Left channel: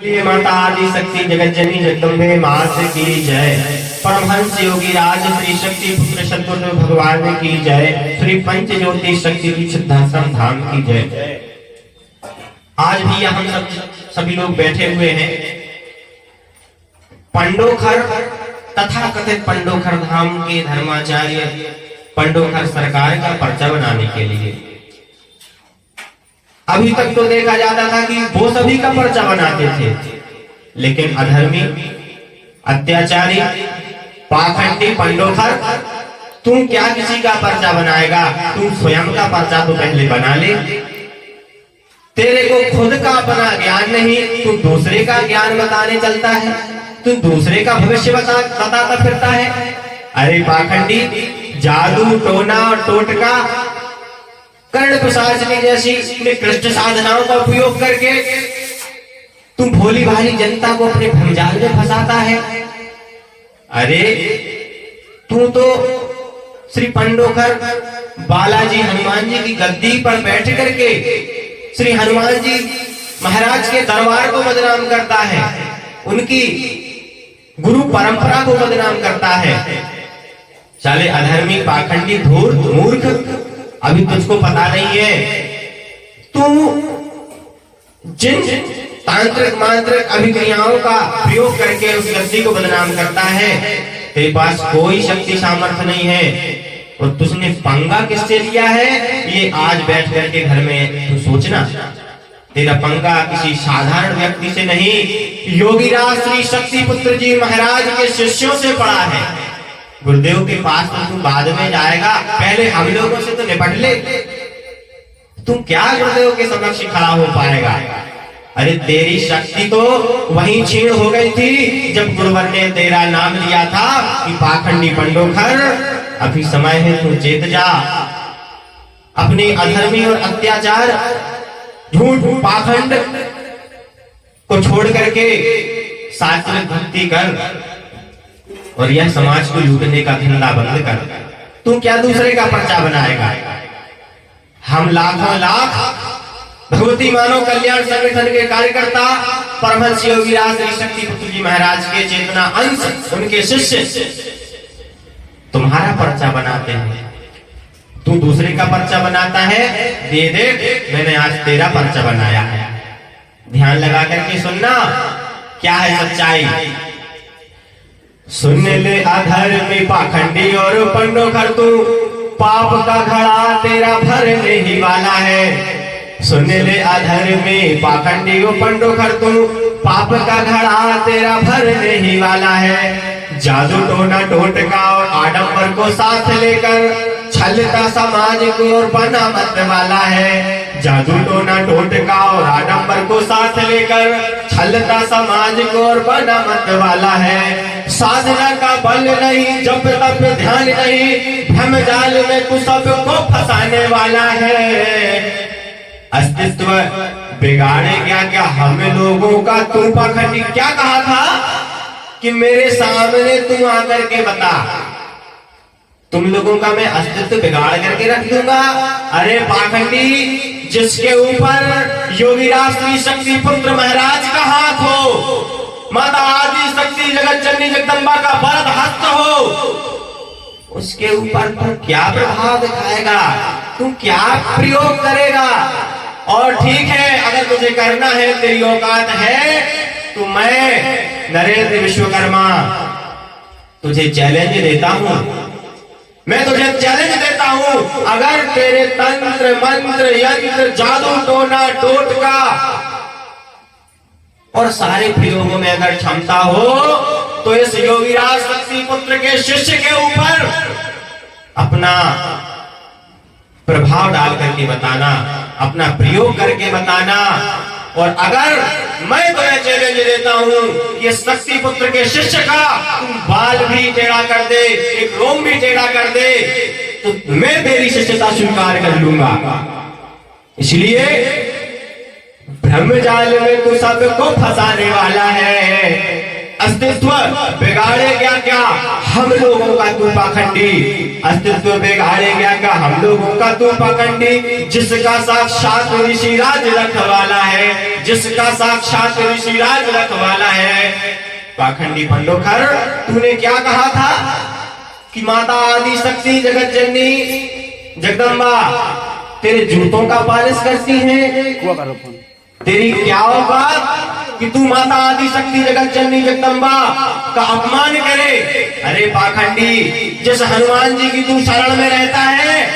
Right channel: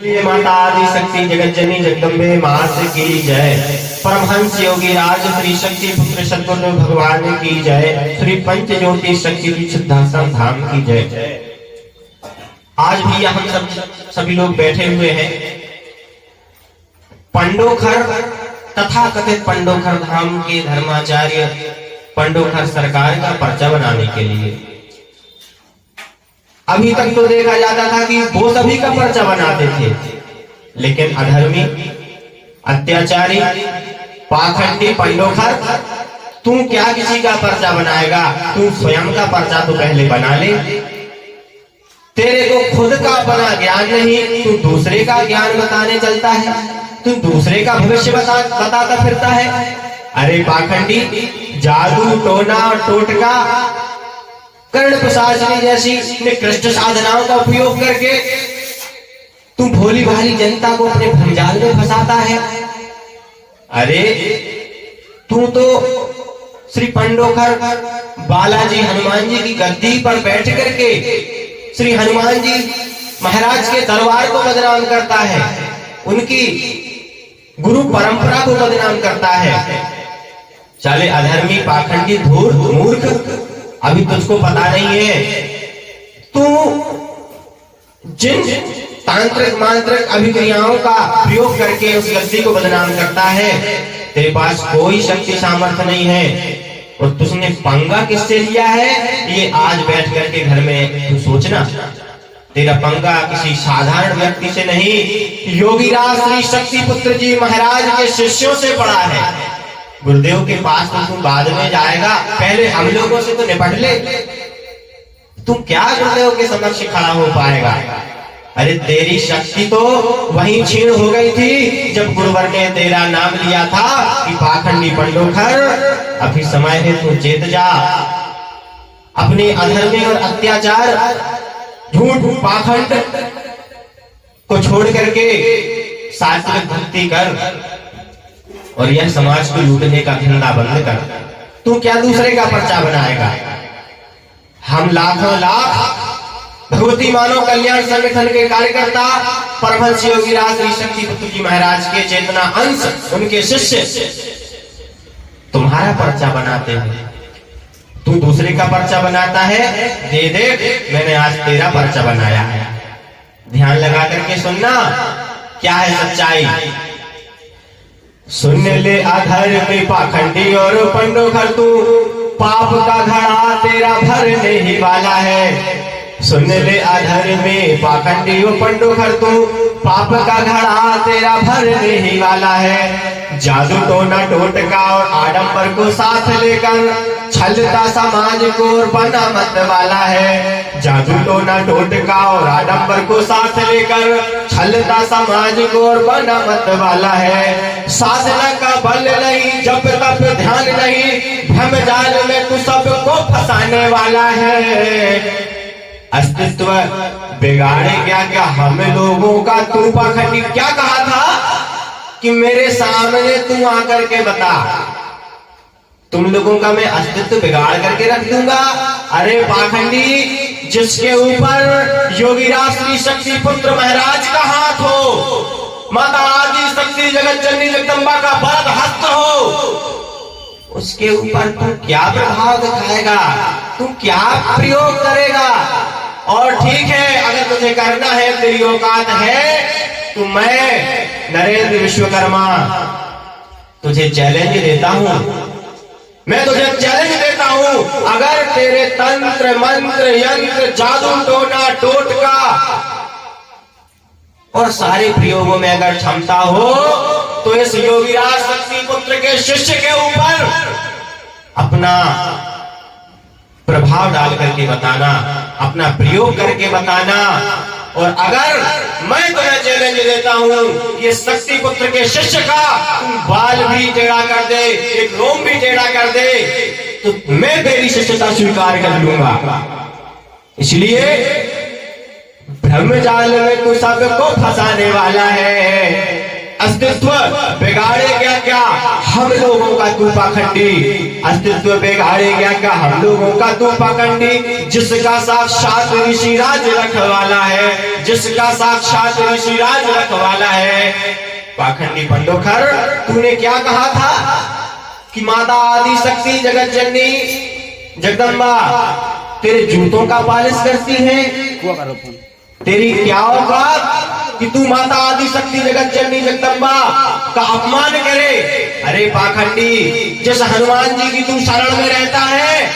माता आदि शक्ति जगत जननी जगदम्बे मात की जय। परमहंस योगी राज श्री शक्ति पुत्र सद्गुरु भगवान की जय। श्री पंच ज्योति शक्ति सिद्धाश्रम धाम की जय। आज भी हम सभी लोग बैठे हुए हैं पंडोखर तथा कथित पंडोखर धाम के धर्माचार्य पंडोखर सरकार का पर्चा बनाने के लिए। अभी तक तो देखा जाता था कि वो सभी का पर्चा बनाते थे, लेकिन अधर्मी, अत्याचारी, पाखंडी पंडोखर, तू क्या किसी का पर्चा बनाएगा? तू स्वयं का पर्चा तो पहले बना ले। तेरे को खुद का अपना ज्ञान नहीं, तू दूसरे का ज्ञान बताने चलता है, तू दूसरे का भविष्य बताता फिरता है। अरे पाखंडी, जादू टोना और टोटका, कर्ण पिशाचनी जैसी निकृष्ट साधनाओं का उपयोग करके तू भोली भाली जनता को अपने भंजाल में फंसाता है। अरे तू तो श्री पंडोखर बालाजी हनुमान जी की गद्दी पर बैठ करके श्री हनुमान जी महाराज के दरबार को बदनाम करता है, उनकी गुरु परंपरा को बदनाम करता है। चाले अधर्मी, पाखंडी, धूर्त, मूर्ख, अभी तुझको पता नहीं है, तू जिन तांत्रिक मांत्रिक अभिक्रियाओं का प्रयोग करके उस गद्दी को बदनाम करता है, तेरे पास कोई शक्ति सामर्थ्य नहीं है। और तुझने पंगा किससे लिया है, ये आज बैठ करके घर में तू सोचना। तेरा पंगा किसी साधारण व्यक्ति से नहीं, योगीराज श्री शक्ति पुत्र जी महाराज के शिष्यों से पड़ा है। गुरुदेव के पास तो तू बाद में जाएगा, पहले हम लोगों से तो निपट ले। तू क्या गुरुदेव के समक्ष खड़ा हो पाएगा? अरे तेरी शक्ति तो वहीं छीन हो गई थी जब गुरुवर ने तेरा नाम लिया था कि पाखंडी पंडोखर, अभी समय है तू चेत जा। अपने अधर्मी और अत्याचार, झूठ, पाखंड को छोड़ करके सात्विक भक्ति कर और यह समाज को लूटने का धंधा बंद कर। तू क्या दूसरे का पर्चा बनाएगा? हम लाखों लाख भगवती मानव कल्याण संगठन के कार्यकर्ता परमहंस योगीराज श्री शक्ति पुत्र जी महाराज के चेतना अंश, उनके शिष्य तुम्हारा पर्चा बनाते हैं। तू दूसरे का पर्चा बनाता है, दे दे, मैंने आज तेरा पर्चा बनाया है। ध्यान लगा करके सुनना, क्या है सच्चाई। सुन ले अधर्मी, पाखंडी और पंडोखर, तू पाप का घड़ा तेरा भरने ही वाला है। सुन ले अधर्मी, पाखंडी और पंडोखर, तू पाप का घड़ा तेरा भरने ही वाला है। जादू टोना टोटका और आडंबर को साथ लेकर छलता समाज को और बना मत वाला है। जादू टोना टोटका और आडंबर को साथ लेकर छलता समाज को और बना मत वाला है। साधना का बल नहीं, जब तब ध्यान नहीं, भ्रम जाल में तू सबको फंसाने वाला है। अस्तित्व बिगाड़े क्या हम लोगों का तू पाखंडी। क्या कहा था कि मेरे सामने तू आकर के बता, तुम लोगों का मैं अस्तित्व बिगाड़ करके रख दूंगा। अरे पाखंडी, जिसके ऊपर योगीराज श्री शक्ति पुत्र महाराज का हाथ हो, माता आदि शक्ति जगत जननी जगदम्बा का वरद हस्त हो, उसके ऊपर तू क्या प्रभाव दिखाएगा? तू क्या प्रयोग करेगा? और ठीक है, अगर तुझे करना है, तेरी औकात है, तो मैं नरेंद्र विश्वकर्मा तुझे चैलेंज देता हूं। मैं तुझे चैलेंज देता हूं, अगर तेरे तंत्र मंत्र यंत्र जादू टोना टोटका और सारे प्रयोगों में अगर क्षमता हो, तो इस योगीराज शक्ति पुत्र के शिष्य के ऊपर अपना प्रभाव डाल करके बताना, अपना प्रयोग करके बताना। और अगर मैं तुझे चैलेंज देता हूं, ये शक्ति पुत्र के शिष्य का तुम बाल भी टेढ़ा कर दे, एक रोम भी टेढ़ा कर दे, तो मैं तेरी शिष्यता स्वीकार कर लूंगा। इसलिए ब्रह्मजाल में तू सबको फंसाने वाला है। अस्तित्व बिगाड़े क्या हम लोगों का तू पाखंडी, अस्तित्व बिगाड़े क्या हम लोगों का तू पाखंडी, जिसका साक्षात ऋषिराज रखवाला है, जिसका साक्षात ऋषिराज रखवाला है। पाखंडी पंडोखर, तूने क्या कहा था कि माता आदि शक्ति जगत जननी जगदम्बा तेरे जूतों का पालिश करती है। तेरी क्या औकात कि तू माता आदि शक्ति जगत जननी जगदम्बा का अपमान करे। अरे पाखंडी, जिस हनुमान जी की तू शरण में रहता है,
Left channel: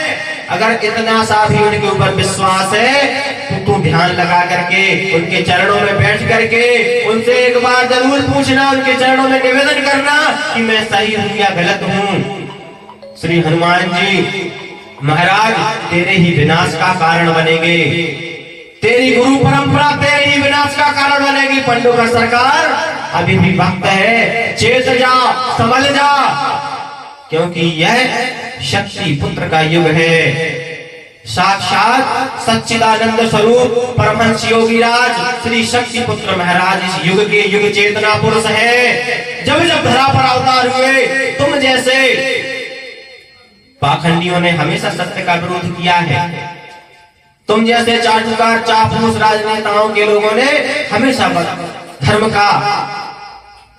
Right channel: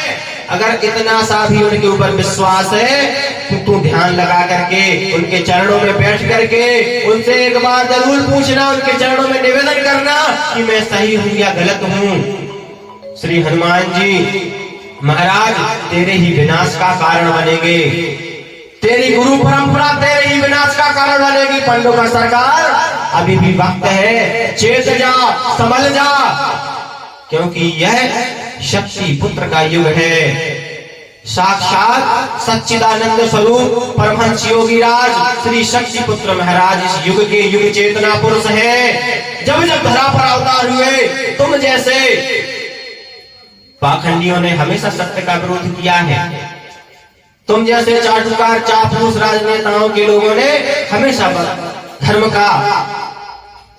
अगर इतना सा भी उनके ऊपर विश्वास है तो तू ध्यान लगा करके उनके चरणों में बैठ करके उनसे एक बार जरूर पूछना, उनके चरणों में निवेदन करना कि मैं सही हूं या गलत हूं। श्री हनुमान जी महाराज तेरे ही विनाश का कारण बनेंगे, तेरी गुरु परंपरा तेरे ही विनाश का कारण बनेगी। पंडोखर सरकार, अभी भी वक्त है, चेत जा, संभल जा, क्योंकि यह शक्ति पुत्र का युग है। साक्षात सच्चिदानंद स्वरूप परमहंस योगीराज श्री शक्ति पुत्र महाराज इस युग के युग चेतना पुरुष है। जब जब धरा पर अवतार हुए, तुम जैसे पाखंडियों ने हमेशा सत्य का विरोध किया है, तुम जैसे चाटुकार चापलूस राजनेताओं के लोगों ने हमेशा धर्म का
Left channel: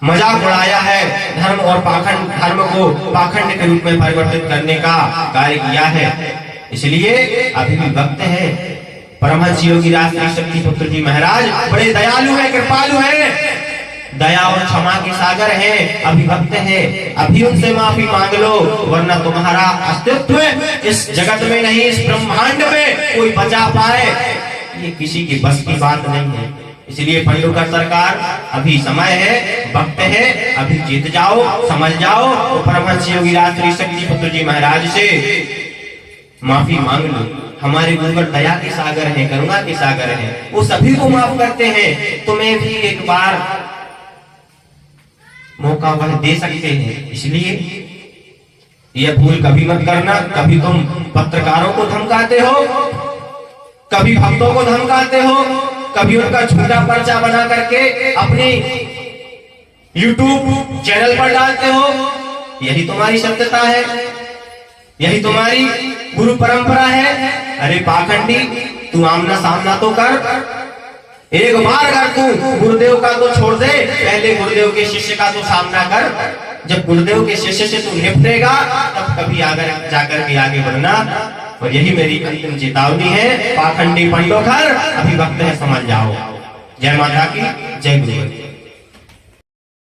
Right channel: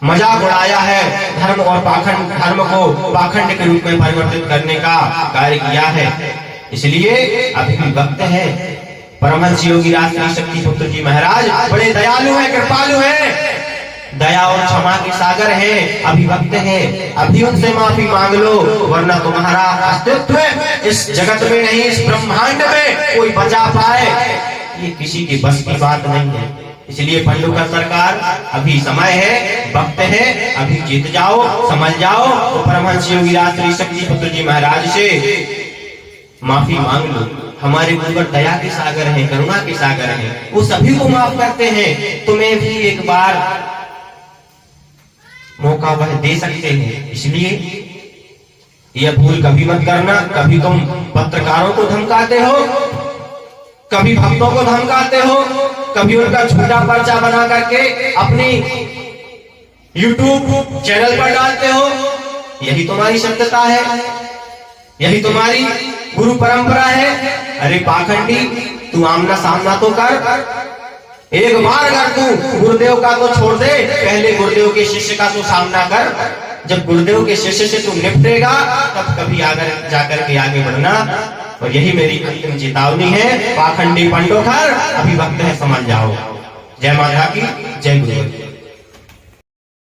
मजाक उड़ाया है, धर्म और पाखंड, धर्म को पाखंड के रूप में परिवर्तित करने का कार्य किया है। इसलिए अभी भी वक्त है। परमहंस योगीराज श्री शक्ति पुत्र जी महाराज बड़े दयालु हैं, कृपालु हैं, दया और क्षमा के सागर हैं। अभी वक्त है, अभी उनसे माफी मांग लो, वरना तुम्हारा अस्तित्व इस जगत में नहीं, इस ब्रह्मांड में कोई बचा पाए ये किसी की बस की बात नहीं है। इसलिए पंडोखर सरकार, अभी समय है, वक्त है, अभी जीत जाओ, समझ जाओ। तो परमहंस योगीराज श्री शक्ति पुत्र जी महाराज से माफी मांग लो। हमारे गुरुवर दया के सागर हैं, करुणा के सागर हैं, वो सभी को माफ करते हैं। तुम्हें भी एक बार मौका वह दे सकते हैं। इसलिए यह भूल कभी मत करना। कभी तुम पत्रकारों को धमकाते हो, कभी भक्तों को धमकाते हो, कभी उनका झूठा पर्चा बना करके अपने YouTube चैनल पर डालते हो। यही तुम्हारी सत्यता है, यही तुम्हारी गुरु परंपरा है। अरे पाखंडी, तू आमना सामना तो कर। एक बार अगर तू गुरुदेव का तो छोड़ दे, पहले गुरुदेव के शिष्य का तो सामना कर। जब गुरुदेव के शिष्य से तू निपटेगा, तब कभी आगे जाकर के आगे बढ़ना। और यही मेरी अंतिम चेतावनी है। पाखंडी पंडोखर, अभी वक्त है, समझ जाओ। जय माता की, जय गुरु।